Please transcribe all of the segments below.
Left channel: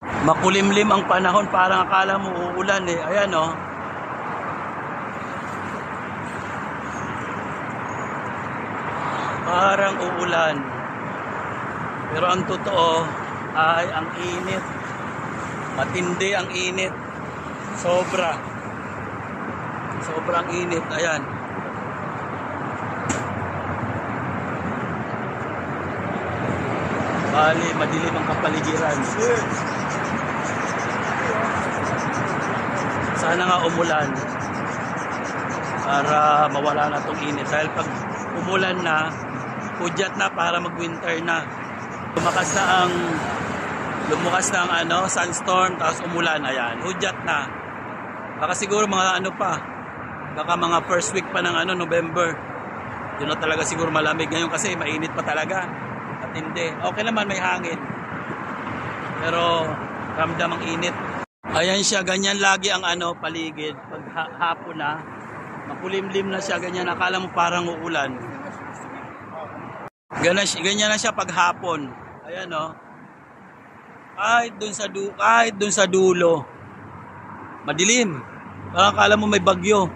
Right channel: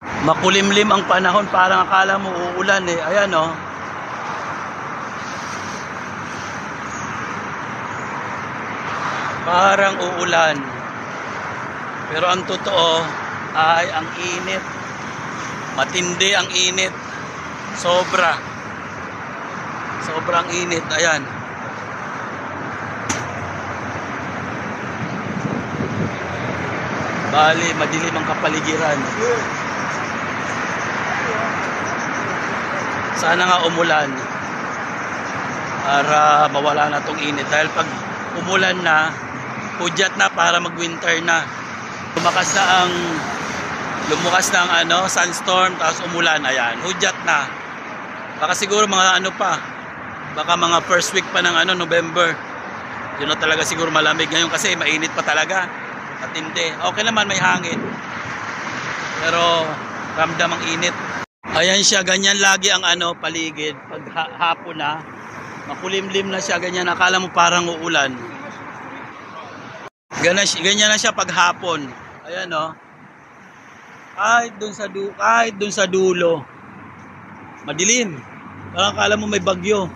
Makulimlim ang panahon, parang akala mo uulan eh. Ayan oh. Parang uulan. Pero ang totoo ay ang init. Matindi ang init. Sobra. Sobrang init. Ayan. Bali, madilim ang kapaligiran. Sana nga umulan para mawala na tong init. Dahil pag umulan na, hudyat na para mag-winter na. Lumakas na ang sunstorm, tapos umulan. Ayan, hudyat na. Baka siguro mga baka mga first week pa ng November. Yun na talaga siguro malamig ngayon kasi mainit pa talaga. At hindi. Okay naman, may hangin. Pero ramdam ang init. Ayan siya, ganyan lagi ang paligid. Pag hapon na, makulimlim na siya, ganyan. Akala mo parang uulan. Ganyan na siya pag hapon. Ayan o. Kahit dun sa dulo. Madilim. Parang akala mo may bagyo.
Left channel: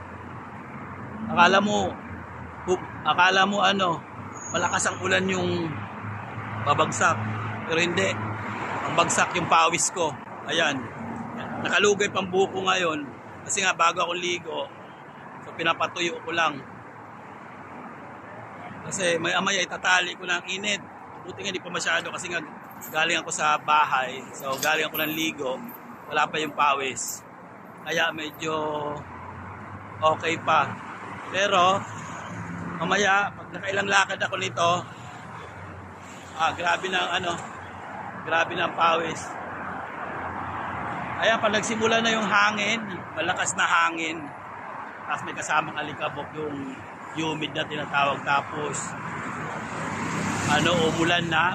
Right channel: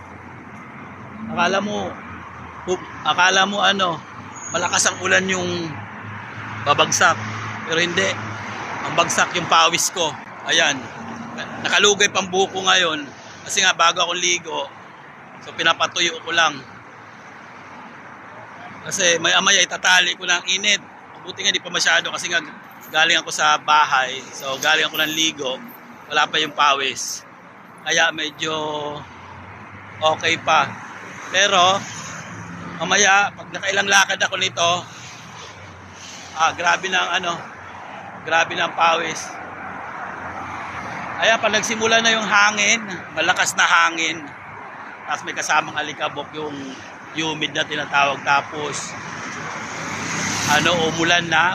Akala mo malakas ang ulan yung babagsak. Pero hindi. Ang bagsak yung pawis ko. Ayan. Nakalugay pang buko ngayon. Kasi nga bago ako ligo. So pinapatuyo ko lang. Kasi maya itatali ko ng init. Buti nga di pa masyado kasi nga galing ako sa bahay. So galing ako ng ligo. Wala pa yung pawis. Kaya medyo okay pa. Pero mamaya pag nakailang lakad ako nito, grabe na ang pawis. Ayan, pag nagsimula na yung hangin, malakas na hangin, tapos may kasamang alikabok, yung humid na tinatawag, tapos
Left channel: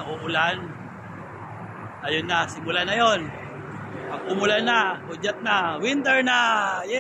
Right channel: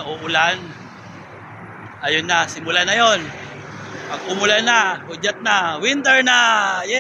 uulan, ayun na, simula na yon. Pag umulan na, hudyat na, winter na, yeah!